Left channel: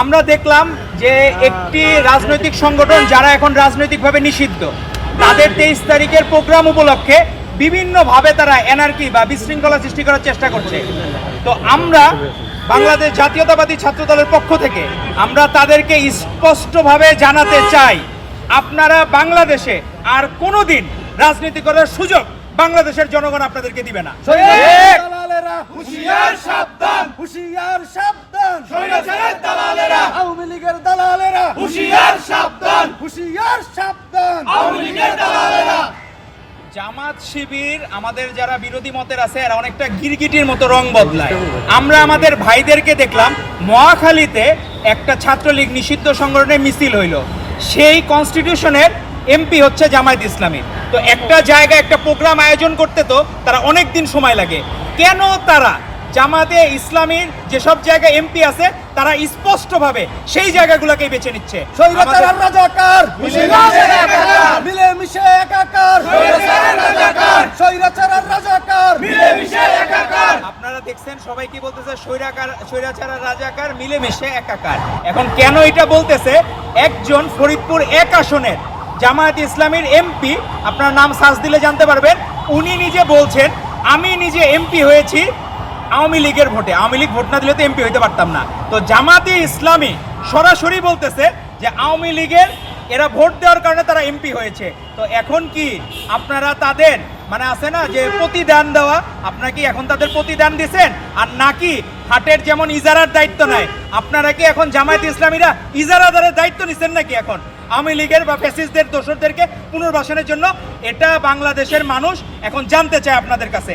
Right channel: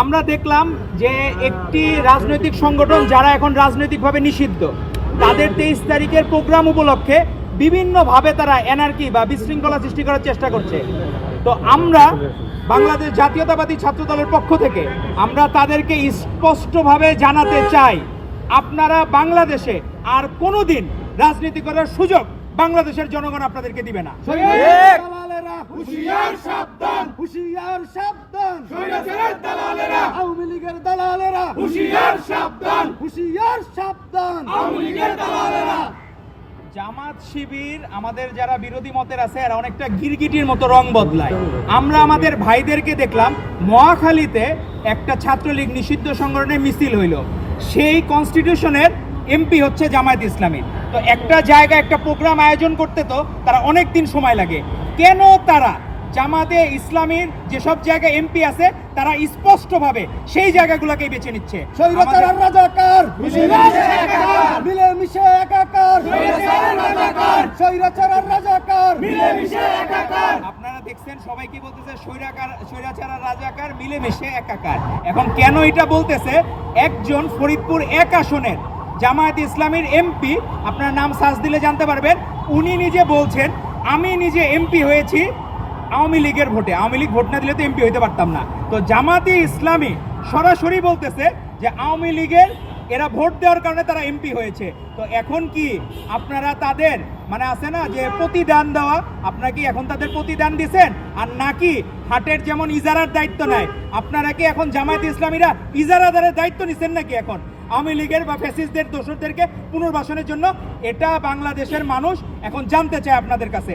আমরা দেখলাম যে একটি রাজনৈতিক সংগঠন যারা এখন রাজনৈতিকভাবে নিষিদ্ধ, তাদের 23 তারিখের প্রোগ্রাম উপলক্ষে বিভিন্নভাবে তারা এনার্কি বা বিশৃঙ্খলা সৃষ্টি করার চেষ্টা করছে। তো আমরা বাংলাদেশ জাতীয়তাবাদী ছাত্র দলের পক্ষ থেকে আমরা তাদেরকে স্পষ্টভাবে জানাতে চাই, আপনারা বাংলাদেশে আর কোনোদিন রাজনীতি করার সুযোগ বাংলাদেশের জনগণ আপনাদেরকে দিবে না। দালালেরা হুঁশিয়ার সাবধান, হুঁশিয়ার সাবধান, স্বৈরাচারের দালালেরা, আওয়ামী লীগের দালালেরা হুঁশিয়ার সাবধান, হুঁশিয়ার সাবধান, আওয়ামী লীগের দালালেরা। জামাত শিবির আমাদের যারা বিরোধী মতের আছে এরা অনেকটা গিরগিটির মতো রং বদলায়। আমরা আমাদের ভাইদেরকে দেখলাম মহাখালীতে একটা ছাত্রলীগ নিষিদ্ধ সংগঠনের মিছিল হইল, সেই কনস্টিটিউশনের এমপি হচ্ছে জামায়াত ইসলামী। তো একটা জায়গায় একটা প্রোগ্রাম আয়োজন করতে তো তারা অনেক দিন সময় লাগে, কেন তারা জামাতে ইসলামীর যেসব জায়গায় এমপি আছে তারা স্পষ্টভাবে সেই জায়গাগুলোকেই বেছে নিচ্ছে? স্বৈরাচার আর রাজাকার মিলেমিশে একাকার, স্বৈরাচার আর রাজাকার, স্বৈরাচার আর রাজাকার মিলেমিশে একাকার। আপনারা দেখছেন সবাই কি বলতেছে, স্বৈরাচার আর রাজাকার মিলেমিশে একাকার। এখন কেন এটা বলতেছে? একজন ফরিদপুর 1 আসনের জামায়াত ইসলামীর এমপি, আপনার নাম সার্চ দিলে জানতে পারবেন, উনি নিজে বলছেন আমি নিজে এমপি হয়েছি আওয়ামী লীগের ভোটে, আওয়ামী লীগ ভোট না দিলে তো এমপি হইতে পারতাম না। তো জামাতে ইসলামী সরাসরি বলতেছে যে আওয়ামী লীগের এরা ভোট দেওয়ার কারণে তারা এমপি হয়েছে। তো এখন কি আপনারা তাদের মানে আছে না যে প্রতিদান দেওয়া, আপনারা কি এখন তাদের প্রতিদান দিচ্ছেন? আর নাকি হাটের যেমন ইজারার দায়িত্ব নেয়, আপনারা কি এখন জামায়াত ইসলামীরা ইজারাদারের দায়িত্ব নিচ্ছেন নাকি এখন আওয়ামী লীগের বা ফ্যাসিস্টদের দোসরদেরকে পুনর্বাসনের জন্য? এটা বাংলাদেশের মানুষ এখন জানতে চায় আপনাদের কাছে।